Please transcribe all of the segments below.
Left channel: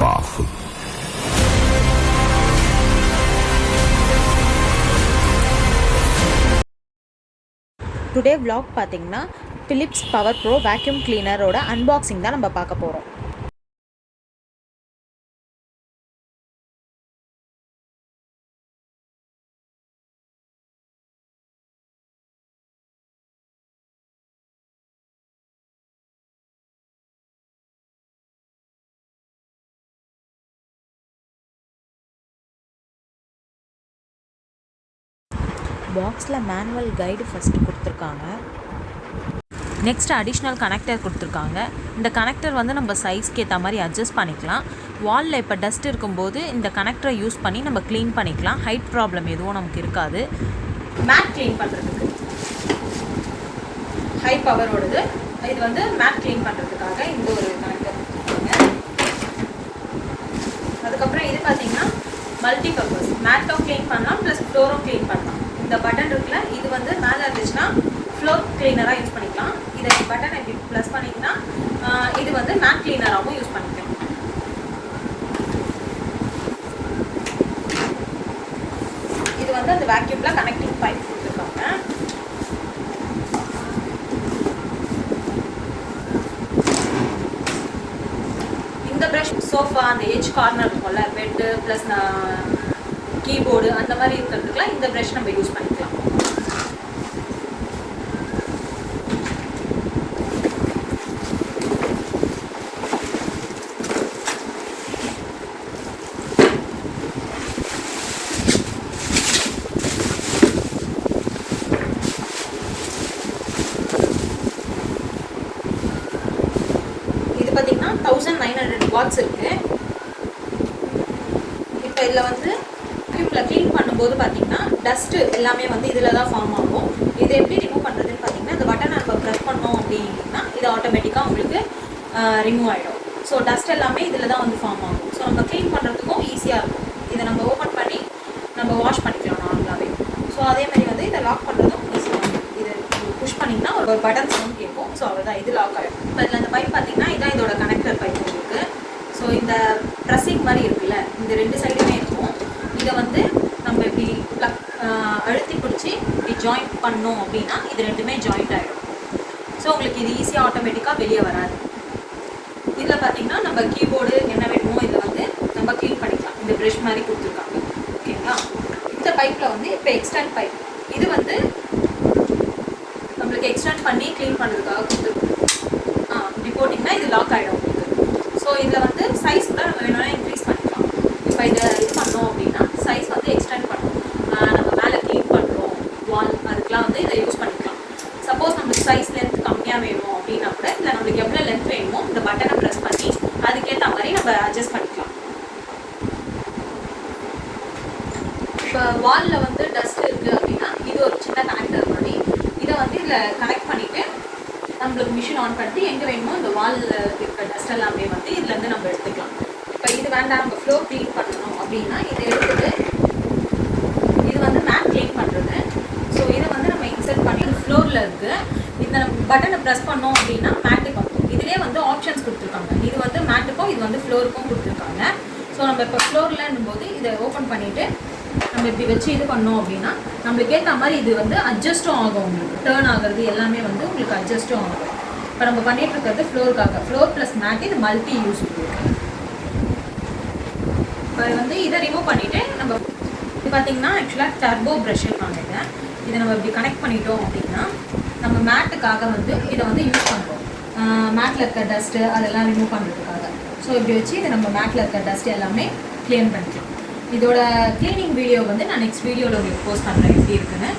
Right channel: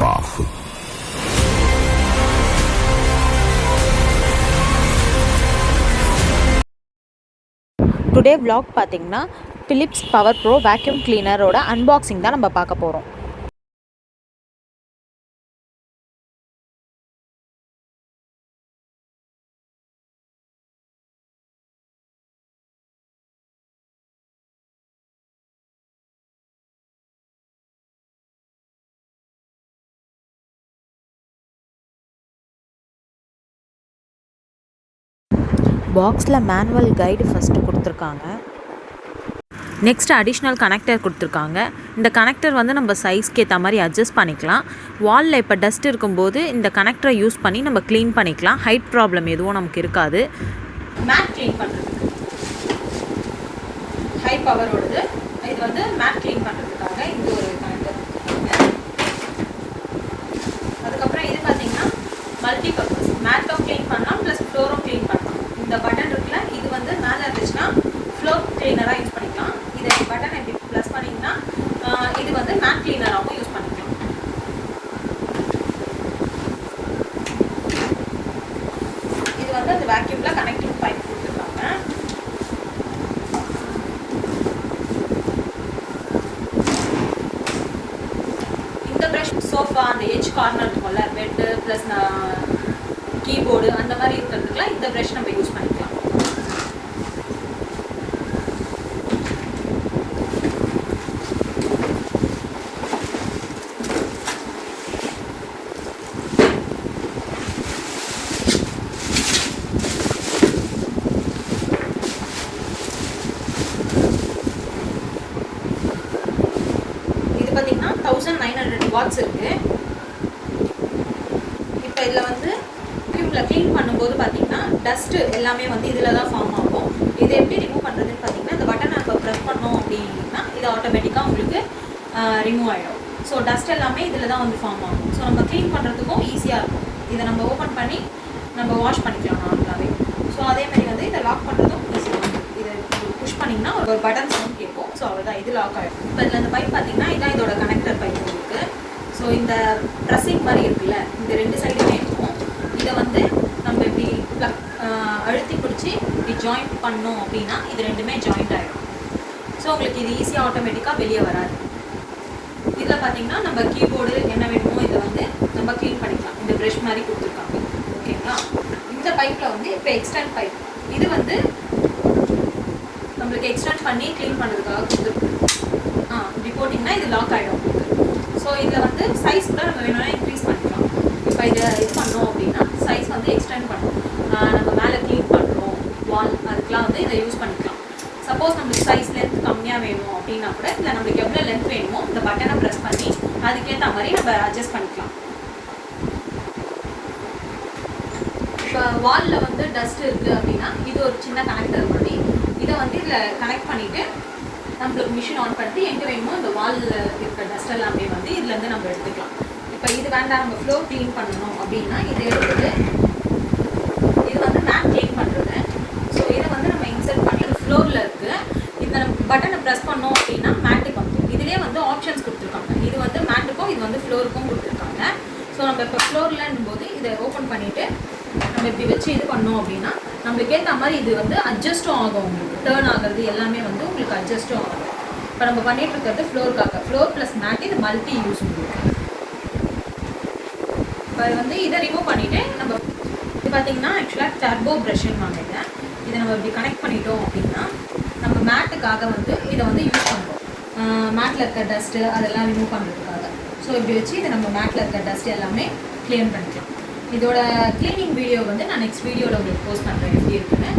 powerful. Today vlog பார்த்தீங்கன்னா Philips power pro vacuum கிளீனரோட unboxing தான் நம்ம பார்க்க போகிறோம். பாக்ஸில் மேனுவல் கைடு ஃபஸ்ட்டு கொடுத்துருக்காங்க. நெக்ஸ்ட் அடிஷ்னல் கனெக்டர் கொடுத்துருக்காங்க. இந்த கனெக்டர் வந்து நம்ம சைஸ்க்கு ஏற்ற மாதிரி அட்ஜஸ்ட் பண்ணிக்கலாம். வாலில் இப்போ டஸ்ட் இருக்கும்போது இந்த கனெக்டரை யூஸ் பண்ணி நம்ம க்ளீன் பண்ணிக்கலாம். ஹைட் ப்ராப்ளம் எதுவும் நமக்கு இருக்காது. மேட் க்ளீன் பண்ணுறதுக்கு ஹை பவரோடது. இது வந்து மேட் க்ளீன் பண்ணுறதுக்காக இந்த ஒரு கனெக்டர். அதுக்கப்புறம் இது பார்த்தீங்கன்னா மல்டி பர்பஸ். மேட்டும் க்ளீன் பண்ணலாம் ப்ளஸ் ஃப்ளோரும் க்ளீன் பண்ணலாம். இந்த பட்டன் இருக்குல்ல, இது வந்து மேலே இருந்துச்சுன்னா ஃப்ளோர் கிளீனராக யூஸ் பண்ணிக்கலாம். இதை பட்டன் எப்படி ப்ளஸ் பண்ணிங்கன்னா இது வந்து மேட் கிளீனராகவும் யூஸ் பண்ணிக்கலாம். இது வந்து அந்த வேக்யூமில் கனெக்டிங் பைப் கொடுத்துருக்காங்க. இந்த ப்ரஷ் சோஃபா அந்த எஜ் கார்னர் இருக்கும்ல, பெட்டு ப்ளஸ் கீபோர்டு அந்த மாதிரி இருக்கிறதுக்குலாம் இந்த ப்ரஷ் நம்ம யூஸ் பண்ணிக்கலாம். இது பார்த்தீங்கன்னா 1900 வாட்ஸ் இருக்கு. இப்போ இதில் வந்து க்ளீன் பண்ணும்போது பார்த்தீங்கன்னா டஸ்ட்டு எல்லாமே வந்து இதில் தான் ஃபார்ம் ஆகும். இதை எப்படி ரிமூவ் பண்ணுறதுன்னு பார்த்தீங்கன்னா இந்த பட்டனை நம்ம ப்ரெஸ் பண்ணோம் அப்படின்னா இது ஆட்டோமேட்டிக்காக உங்களுக்கு ரிமூவ் ஆகிடும். ஸோ டஸ்ட் எல்லாமே இதில் தான் வந்து ஃபார்ம் ஆகும். ஸோ நம்ம க்ளீன் பண்ணுறதுக்கும் ஈஸியாக இருக்கும். இதை நம்ம ஓப்பன் பண்ணி நம்ம வாஷ் பண்ணிக்கலாம் நார்மலாகவே. ஸோ அதே மாதிரி வந்து இதை லாக் பண்ணுறதும் ஈஸியாக இருக்கும். இதை புஷ் பண்ணிங்கன்னா ஒரு பட்டன் சவுண்ட் கேட்கும். ஸோ அவ்வளோதான், இது லாக் ஆகிடும். இப்போ இதில் இந்த பைப் பார்த்தீங்கன்னா இதான் இதோட கனெக்டர் பைப் இருக்குது. ஸோ இந்த ப்ரெஸ்ஸிங் மாதிரி இருக்குல்ல, இந்த ரெண்டு சைடுமே இருக்கும். இதை வந்து நம்ம இப்படி அழுத்தி பிடிச்சி இப்படி ஜாயிண்ட் பண்ணோம் அப்படின்னா இது ரெண்டுமே ஜாயிண்ட் ஆகிடும். ஸோ உங்களுக்கு இது ஈஸியாக ஆட்டோமேட்டிக்காக வெளியே வராது. இதில் பார்த்தீங்கன்னா நம்ம கீபோர்டு என்ன வேணுமோ இதை வந்து நம்ம க்ளீன் பண்ணிக்கலாம். இந்த ப்ரஷ் மாதிரி கொடுத்துருக்காங்க. ஓகேங்களா? இந்த பைப்பில் வந்து இப்போ எக்ஸ்டெண்ட் பைப், இது வந்து நம்மளுக்கு எக்ஸ்டெண்ட் பண்ணி க்ளீன் பண்ணுறதுக்காக கொடுத்துருக்கோம். இப்படி போட்டிங்கன்னா இது லாக் ஆகிடும் உங்களுக்கு. ஸோ இதில் வந்து சைஸ் கூட நம்ம வேணும்னா இன்க்ரீஸ் பண்ணிக்கலாம். இப்போ இதை இது பண்ணோம் அப்படின்னா சைஸ் வந்து எக்ஸ்டெண்ட் பண்ணோம், நம்ம மேலே க்ளீன் பண்ணுறோம் வால், அதுக்கெலாம் வந்து இதை யூஸ் பண்ணிக்கலாம். சப்போஸ் நம்மளுக்கு சைஸ் லென்த் கம்மியாக வேணும் அப்படின்னா கூட இல்லை நம்மளுக்கு எவ்வளோ லென்த் வேணுமோ இந்த பட்டனை ப்ரெஸ் பண்ணி அதுக்கேற்ற மாதிரி நம்ம அட்ஜஸ்ட் பண்ணிக்கலாம். இப்போ வாலில் வந்து டஸ்ட் இருக்குது அப்படின்னா இது ஒரு சின்ன கனெக்டர் மாதிரி. இதை வந்து இதில் கனெக்ட் பண்ணிவிட்டு நம்மளுக்கு மிஷின் ஆன் பண்ணிட்டு எங்கே வேணுமோ இந்த வாலில் இருக்கிற டஸ்ட் எல்லாமே வந்து இதுலேருந்து நம்ம எடுத்துக்கலாம். இப்போ இது வேண்டாம் நம்ம ஃப்ளோர் க்ளீன் பண்ணணும் அப்படின்னா இதை எடுத்துட்டு இது வந்து மேட் க்ளீன் பண்ணுறது. ஸோ இதை வந்து நம்ம இன்சர்ட் பண்ணி ஃப்ளோரில் இருக்குது. இந்த பட்டனை ப்ரெஸ் பண்ணோம் அப்படின்னா மேட்டுக்கு வந்துடும். இதிலே வந்து ஆப்ஷன்ஸ் கொடுத்துருக்காங்க. இது வந்து மேட்டுக்கும் இது வந்து ஃப்ளோருக்கும் கொடுத்துருக்காங்க. ஸோ நம்ம இப்போ ஃப்ளோர்லன்னும் போது இதை ஓப்பன் பண்ணிவிட்டு நம்ம இப்படி வச்சு இது பண்ணோம் அப்படின்னா நம்மளுக்கு ஏற்ற மாதிரி இது வந்து அட்ஜஸ்ட்டும் ஆகும். உங்களுக்கு டேர்ன் ஆகிறது எல்லாமே வந்து உங்களுக்கு அட்ஜஸ்ட்டும் ஆகும். இப்போ நம்ம பண்ணிட்டு இருக்கிறது ஃப்ளோருக்காக. ஃப்ளோர் ப்ளஸ் மேட் இது மல்டி யூஸ் உங்களுக்கு. இப்போ வந்து இதை ரிமூவ் பண்ணிவிட்டு நம்ம இது பார்த்தீங்கன்னா ஆக்சுவலாக டர்போ ப்ரஷ்ன்னு வாங்க. இதை நம்ம இப்படி கனெக்ட் பண்ணிட்டோம் அப்படின்னா நம்ம மேட்டுக்காக வந்து இதை வந்து யூஸ் பண்ணுறோம். மேட்டில் இருக்க டஸ்ட்டு அதெல்லாம் ரிமூவ் பண்ணுறதுக்காக. ஸோ இப்படி வச்சு இதை நம்ம மேட்டில் இருக்க டஸ்ட் எல்லாமே க்ளீன் பண்ணிக்கலாம். இதோட க்ளீனிங் வீடியோ வந்து நான் நெக்ஸ்ட் வீடியோவில் உங்களுக்கு போஸ்ட் பண்ணுறேன் எப்படி இருக்குன்னு.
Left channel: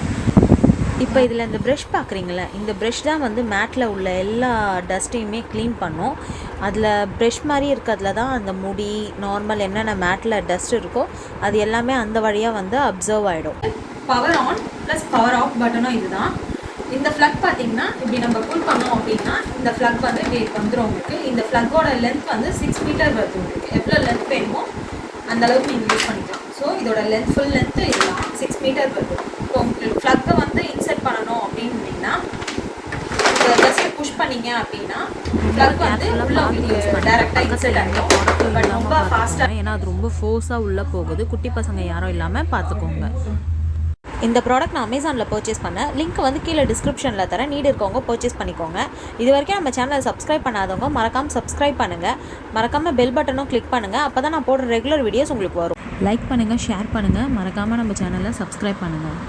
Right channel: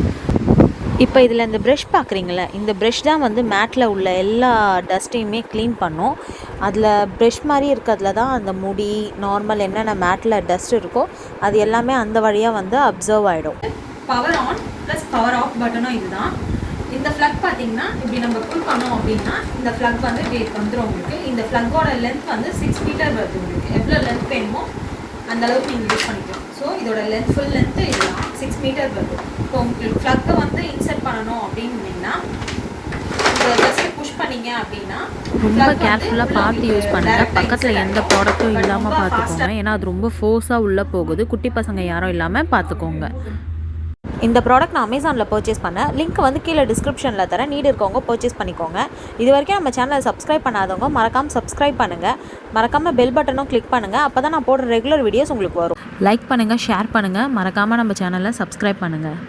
இப்போ இதில் இந்த ப்ரஷ் பார்க்குறீங்களே, இந்த ப்ரஷ் தான் வந்து மேட்டில் உள்ள எல்லா டஸ்ட்டையுமே க்ளீன் பண்ணும். அதில் ப்ரஷ் மாதிரி இருக்கிறதுல தான் அந்த முடி நார்மல் என்னென்ன மேட்டில் டஸ்ட் இருக்கோ அது எல்லாமே அந்த வழியாக வந்து அப்சர்வ் ஆகிடும். Power on plus power off பட்டனும் இதுதான். இந்த ஃப்ளக் பார்த்தீங்கன்னா இப்படி நம்ம புல் பண்ணோம் அப்படின்னா இந்த ஃப்ளக் வந்து இப்படி வந்துடும் உங்களுக்கு. இந்த ஃப்ளக்கோட லென்த் வந்து 6 மீட்டர் வருது. உங்களுக்கு எவ்வளோ லென்த் வேணுமோ அந்த அளவுக்கு நீங்கள் யூஸ் பண்ணிக்கலாம். ஸோ இதோட லென்த் ஃபுல் லென்த்து இதெல்லாம் 6 மீட்டர் வருது. இப்போ உங்களுக்கு ஃப்ளக்கை வந்து இன்சர்ட் பண்ணணும் அப்படின்னா ஜஸ்ட் புஷ் பண்ணீங்க அப்படின்னா ரொம்ப கேர்ஃபுல்லாக பார்த்து யூஸ் பண்ணுங்கள். பக்கத்தில் எந்த ப்ராடக்ட்டும் இல்லாமல் பார்த்துக்கோங்க. ஏன்னா அது ரொம்ப ஃபோர்ஸாக உள்ளே போகுது. குட்டி பசங்க யாரும் இல்லாமல் பார்த்துக்கோங்க. இந்த ப்ராடக்ட் நான் அமேசானில் பர்ச்சேஸ் பண்ணேன். லிங்க் வந்து கீழே டிஸ்கிரிப்ஷனில் தரேன். நீட் இருக்கவங்க பர்ச்சேஸ் பண்ணிக்கோங்க. இது வரைக்கும் நம்ம சேனலை சப்ஸ்கிரைப் பண்ணாதவங்க மறக்காமல் சப்ஸ்கிரைப் பண்ணுங்கள். மறக்காமல் பெல் பட்டனும் கிளிக் பண்ணுங்கள். அப்போ தான் நான் போடுற ரெகுலர் வீடியோஸ் உங்களுக்கு வரும். லைக் பண்ணுங்கள், ஷேர் பண்ணுங்கள். மறக்காமல் நம்ம சேனலை சப்ஸ்கிரைப் பண்ணுங்கள்.